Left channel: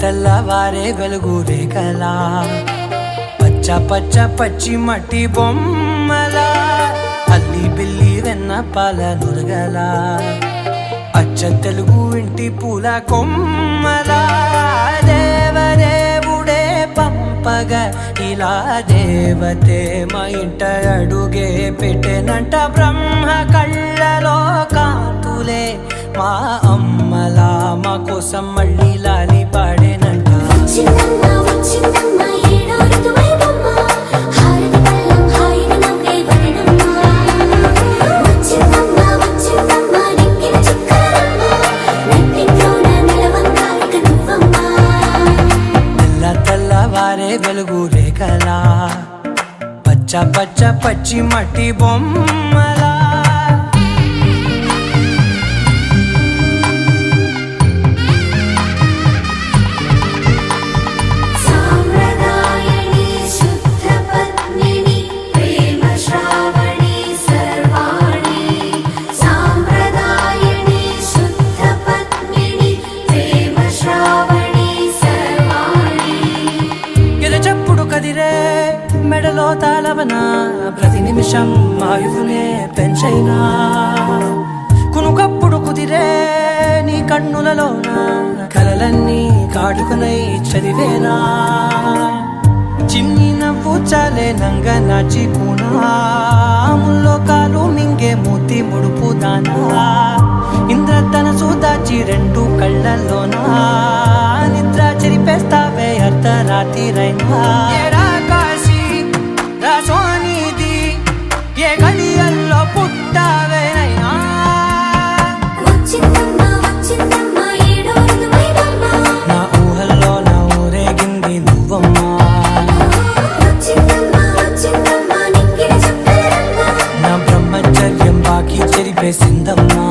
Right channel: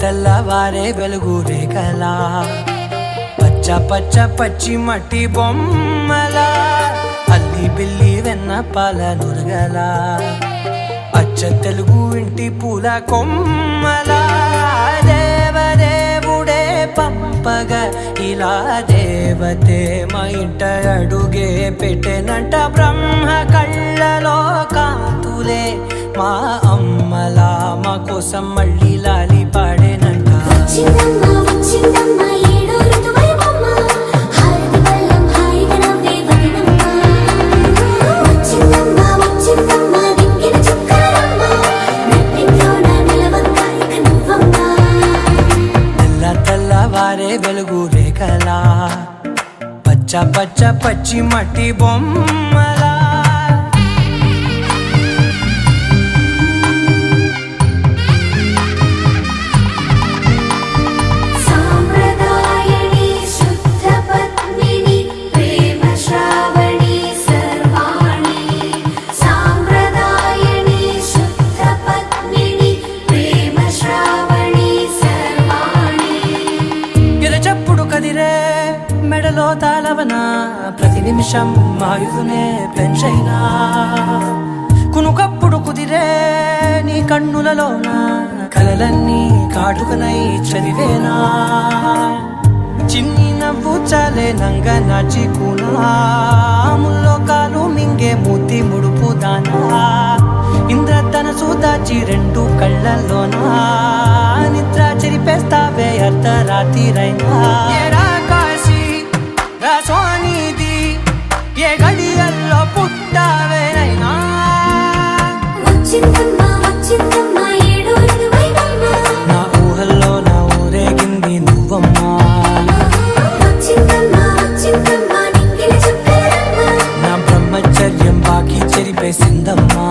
తెల్లవారే వెలుగు రేఖలా పచ్చ పచ్చ పచ్చి మట్టి బొమ్మలా అల్లి బిల్లి వెన్న పాల నురగలా అచ్చ తెలుగు ఇంటి పూల కొమ్మలా దేవదేవుడే పంపగా ఇలా దేవతే మా ఇంట అడుగే పెట్టెనంట బ్రహ్మ కళ్ళలో కాంతులే మా అమ్మలా మా కోసం మళ్ళీ లాలి పాడేనంట. తెల్లవారే వెలుగు రేఖలా పచ్చ పచ్చ పచ్చి మట్టి బొమ్మలా కదిరే మెడలో తాళవన ప్రతి నిమిషం ఆయుధునే పెంచైనా కునుకప్పుడు కుదిరే నీ కన్నులలోన కలలన్నీ కాటుకనై చదివేనా చిన్ని నవ్వు చాలే నంగ నాచి కూనాముల్లో కాలు మింగే మూతి ముడుపు దానా ఇంద్రధనసు దాచి రెండు కళ్ళల్లోనా నిద్ర చెరిపేస్తావే అర్ధరాత్రిరైనా కాశీ రాసోనిది ఏ గడియల్లో పుట్టావేనైనా నా ఊహల్లో నా ఊరేగింది నువ్వమ్మా నా బ్రహ్మచర్యం బాకీ చెరిపేసిందమ్మా.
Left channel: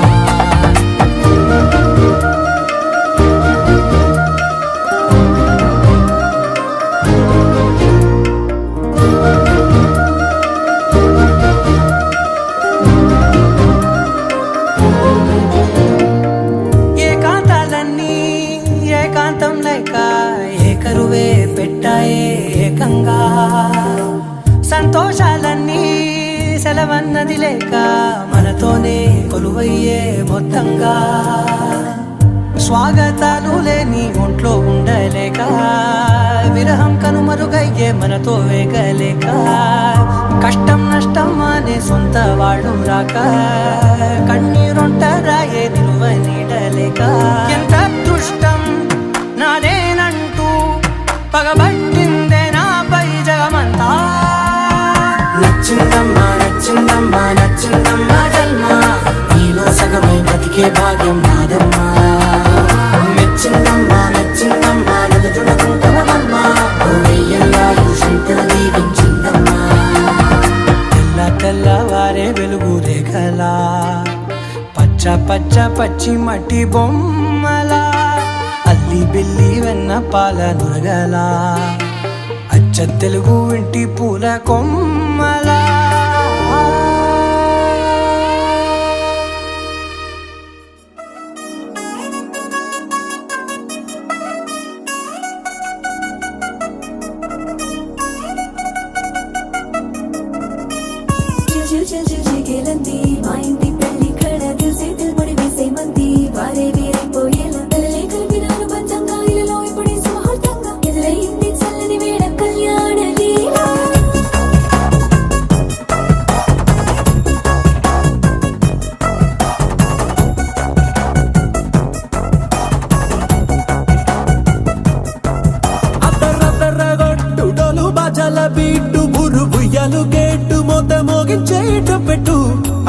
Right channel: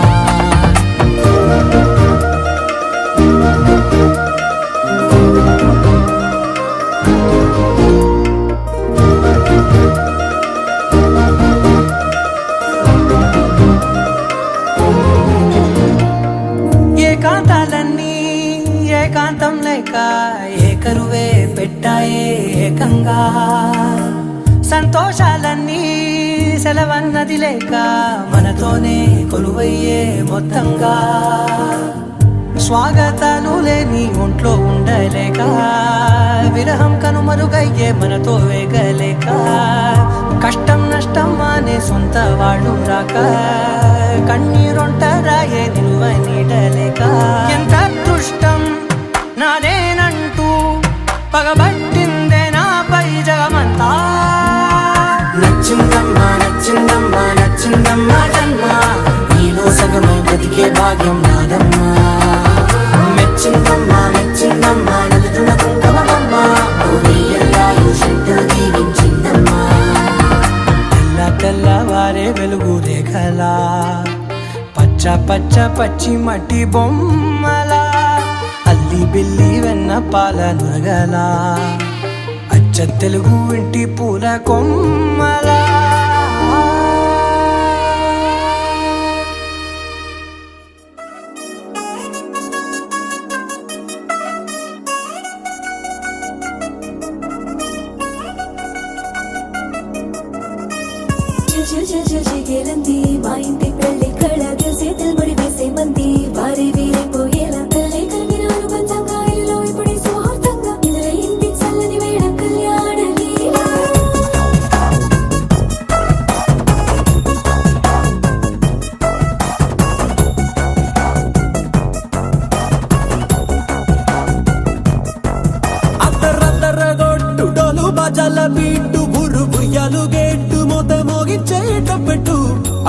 ఏకాంతాలన్నీ ఏకాంతం లేక ఏకరువే పెట్టాయే ఏకంగా సంతోషాలన్నీ సెలవన్నది లేక మనతోనే కొలువయ్యే మొత్తంగా స్వాగతాలు లేని ఒంట్లో ఉండలేక విరహం కనుమరుగయ్యే మనతో వేగలేక కష్టం నష్టం అనే సొంత వాళ్ళు రాక కన్నీరొంటరాయే నిలువ నీడలేక ఎంత అదృష్టం నాదేనంటూ పగబట్టిందే నాపై జగమంతా. నచ్చిందమ్మా నచ్చిందమ్మా నచ్చిందమ్మా జన్మ నీలో సగమై బ్రతికే భాగ్యం నాదమ్మా మెచ్చిందమ్మా మెచ్చిందమ్మా నిలుచున కుంకుమమ్మా వెయ్యల్లాలు శంకులు దీవించిందమ్మా. తెల్లవారే వెలుగు రేఖలా పచ్చ పచ్చ పచ్చి మట్టి బొమ్మలా అల్లి బిల్లి వెన్న పాల నురగలా అచ్చ తెలుగు ఇంటి పూల కొమ్మలా.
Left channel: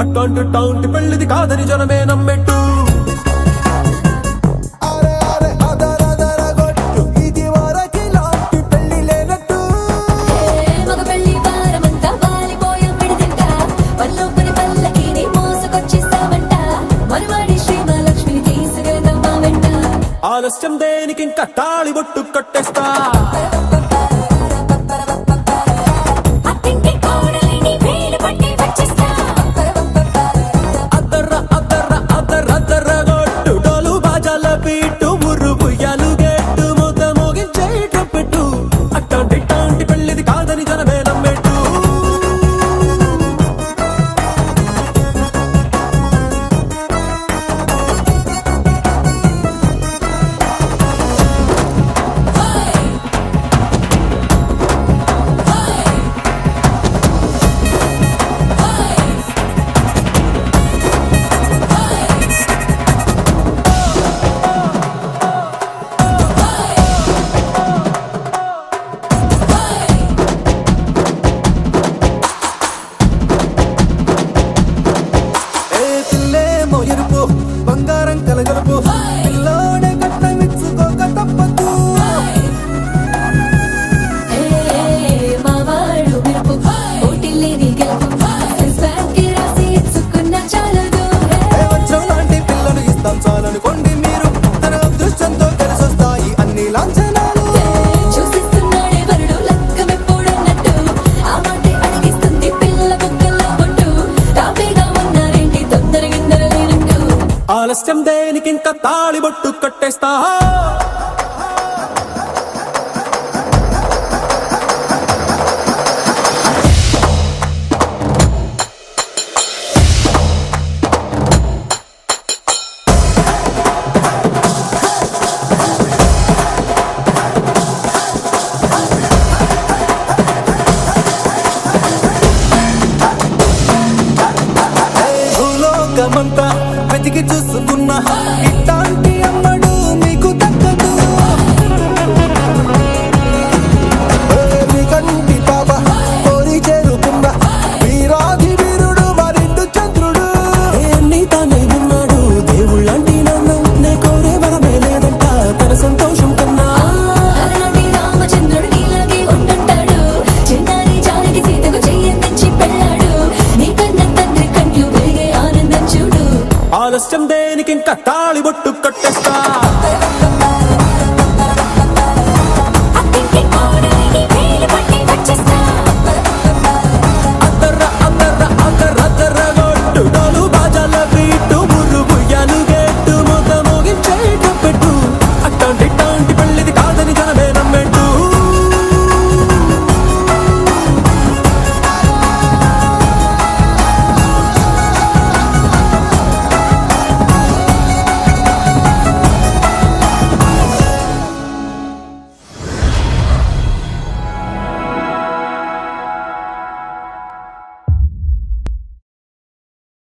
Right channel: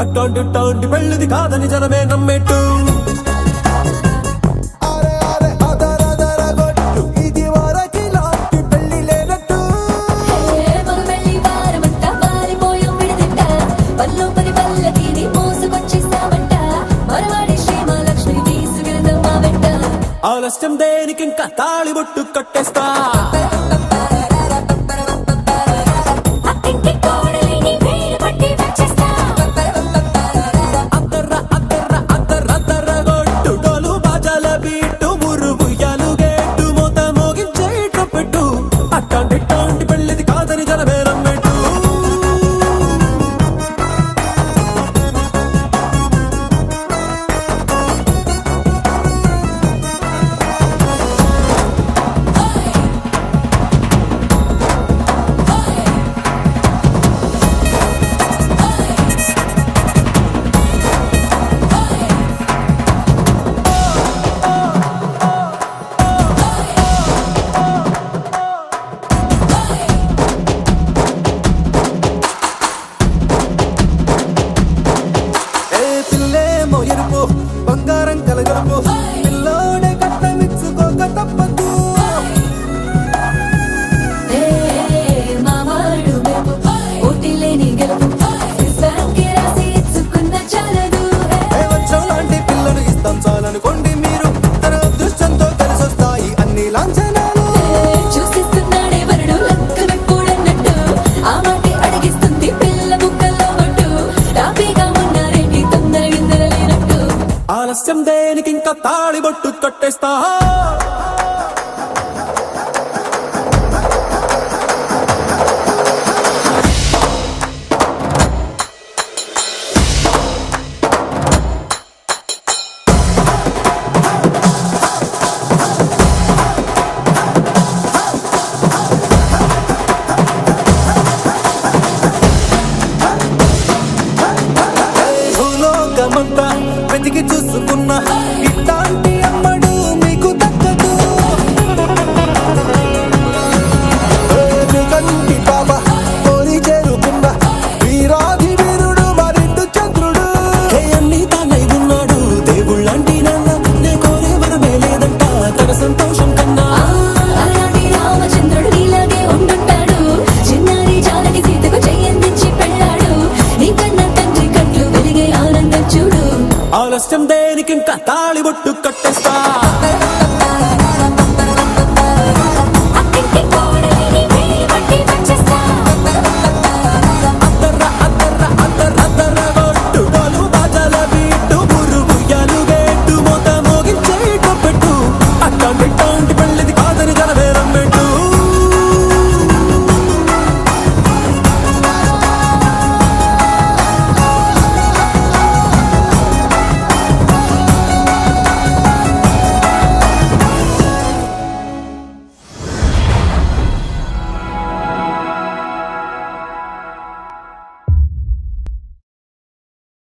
అట్టాంటి పెళ్ళిది కాదని జనమే నమ్మెట్టు ఇది వరకి లాంటి పెళ్లి లేనట్టు ఆలస్యం దేనికి ఇంకా తాళి బొట్టు కట్టేస్తా జరగలుపు పిల్లోడే కట్నమిచ్చుకోక తప్పదు వజ్రం లాంటి పిల్లను ఇస్తాం చాలనుకోండి మీరు తన అదృష్టంతో కలిసొస్తాయి అన్ని లాంఛనాలు ఆలస్యం దేనికి ఇంకా తాళిబొట్టు కట్టేస్తా భూలోకమంతా వెతికి చూసుకున్నా ఇట్లాంటి